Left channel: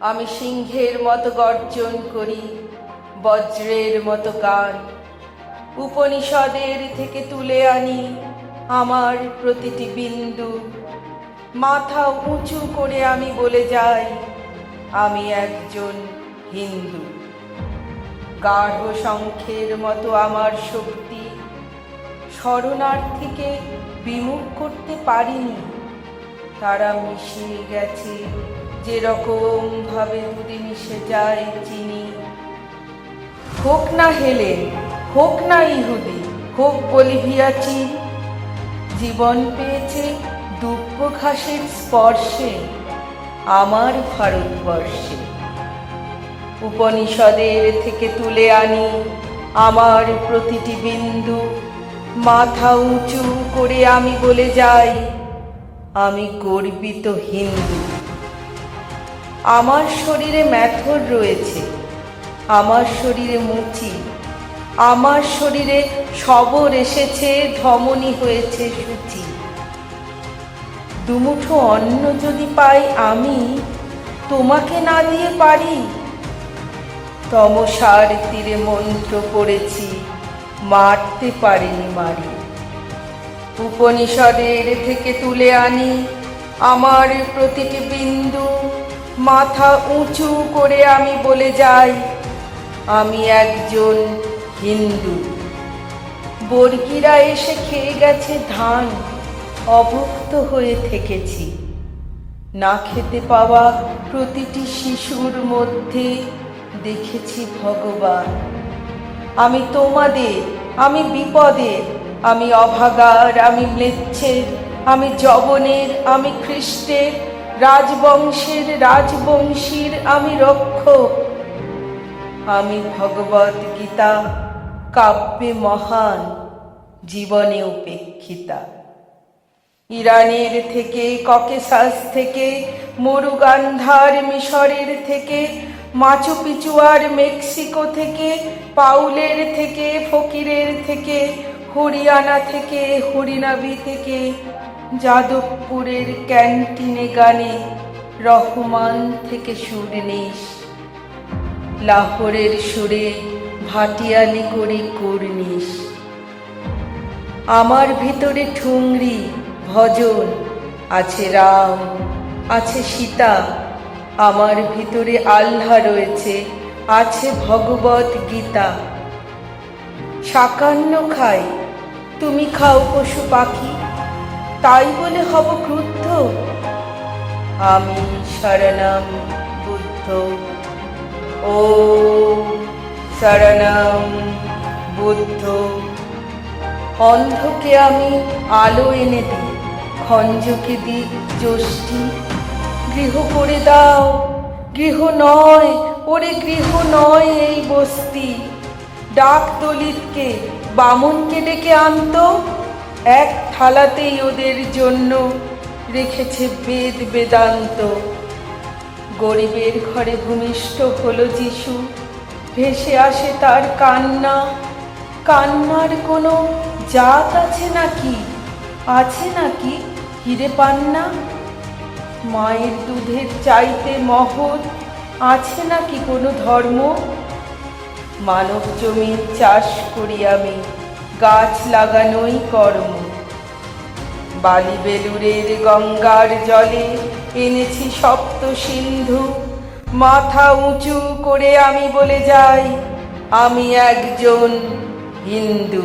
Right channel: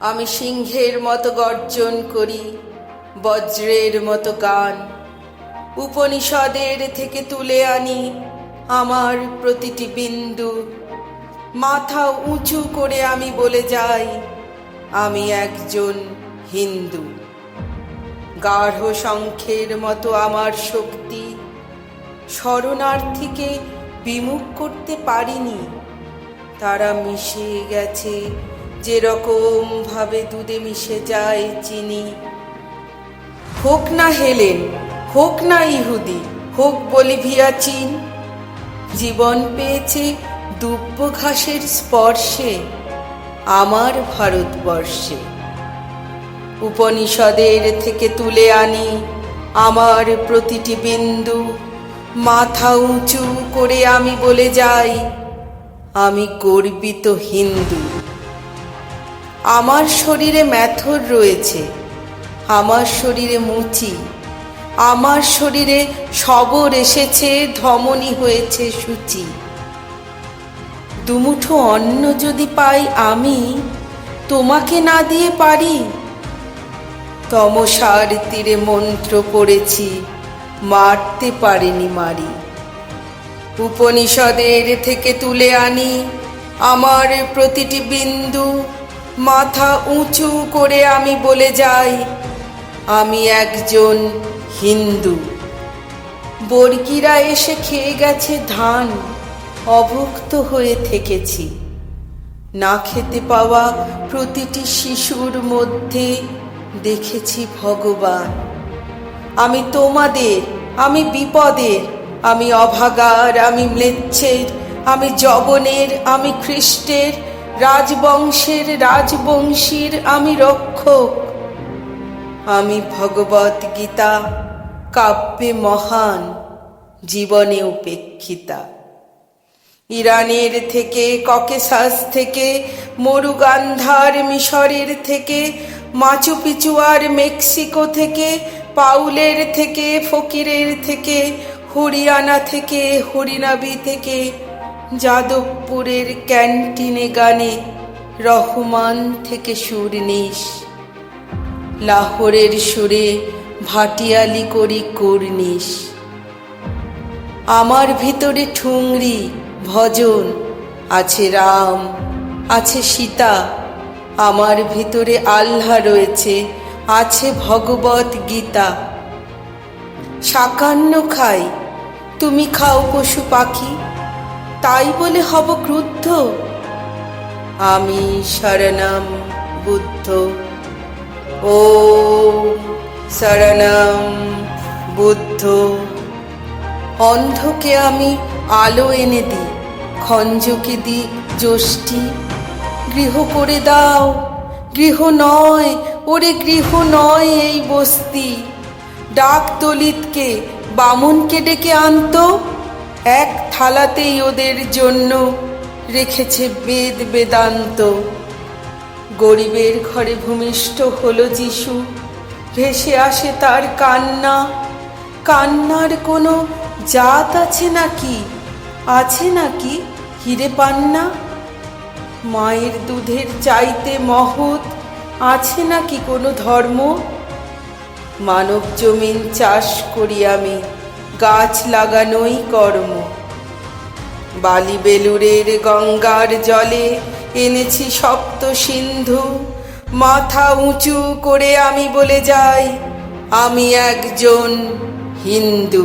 আমি সিংহের মতো গর্জন করি, বজ্রের মতো গান। উপনিষদের থেকে তুলে আনি আমার প্রতিটি বিন্দু। মাথা উঁচু করে আমি বলে যাই, আমি একজন হিন্দু। গাঢ় শঙ্খের মতো আমার শক্তি, শরণার্থীকে বিমুখ করতে পারিনি। তারা মিশে গেছে যেরকম ভাবে দুধে মিশে যায় চিনি। হোক না হেলেন, হোক না ইহুদি, হোক বলিভিয়া চীন, জীবন পেয়েছে দুব্য ঘাসের স্পর্শে আমার ভারতবর্ষে। উপনিষদের থেকে তুলে আনি আমার প্রতিটি বিন্দু। মাথা উঁচু করে আমি বলে যাই, আমি গর্বিত হিন্দু। আমার শরীরে মেথর রয়েছে, আমার শরীরে মুচি, আমার শরীরে সবর এসেছে, ধমনী হয়েছে সূচি। দুমুঠো অন্ন যদি পাই আমি, তোমাকে না দিয়ে পারি? তমসার তীরে মন্ত্র পড়েছি, মারতে পারিনি মারি। উপনিষদের থেকে তুলে আনি আমার প্রতিটি বিন্দু। মাথা উঁচু করে আমি বলে যাই, আমি একজন হিন্দু। বর্গীরা এসে খেয়ে গেছে ধান, অভুক্ত হয়ে থেকেছি। না খেতে পাওয়া প্রতিটি শিশুর মধ্যে দেখেছি ভগবান। আমি তোমাদের, আমি বিপদের, আমি অভাগার, আমি ম্লেচ্ছের, আমি যবনের, আমি খ্রিস্টের, রাজবংশের রাজবংশীর আমি রক্ষক। আমি ভগবত গীতা, কাব্যে মহান, জীবনে উপেক্ষিতা। ইরানের থেকে, ককেশাস থেকে, মরুগান্ধার মিশরের থেকে, মাচু পিচুয়ার মেক্সিকো থেকে, পাউলের থেকে, ফকিরের থেকে, হরিয়ানা থেকে, হরিনাবি থেকে, যাদবপুরের ক্যান্টিনে গানে রহমান থেকে সুরনিশ, লাহোরের সুরে ভাটিয়ালি করি কুর্নিশ। আমার ভিতরে ঠুংরি ভজন, আছে রাম, আছে সীতা। আমার ভিতরে আল্লাহ রয়েছে, আছে ভগবত গীতা। শাকান্ন খাই, তুমি খাও পশু পাখি, তাই বলে হব ক্রুদ্ধ? আমি শরণম বুদ্ধ, ও শরণম বুদ্ধ। অন্ধকে আমি আলো এনে দিই, খঞ্জকে দিই যষ্টি। গৃহ করে দাও, গৃহ নয়, ওরে গৃহ নয় এই বস্তি। ডাক দলিতকে, বামুনকে ডেকে আনতো, এক থালাতেই ওদের জন্য রেখেছে বেদ বেদান্ত। গরিবের ঘরে ভূমিষ্ঠ হলো যিশু, ভেসে আসে তার কান্না। কান্নার কোনো জাত আছে নাকি, আছে নাকি হিরে পান্না? মায়ের দুধের চাইতে মহৎ আছে নাকি কোনো ধর্ম? মানব জমিন চাষ করি আমি, গাছ লাগানোই কর্ম। বালি বেলুরের গঙ্গার জলে এনেছি সপ্ত সিন্ধু। মাথা উঁচু করে আমি বলে যাই, আমি একজন হিন্দু।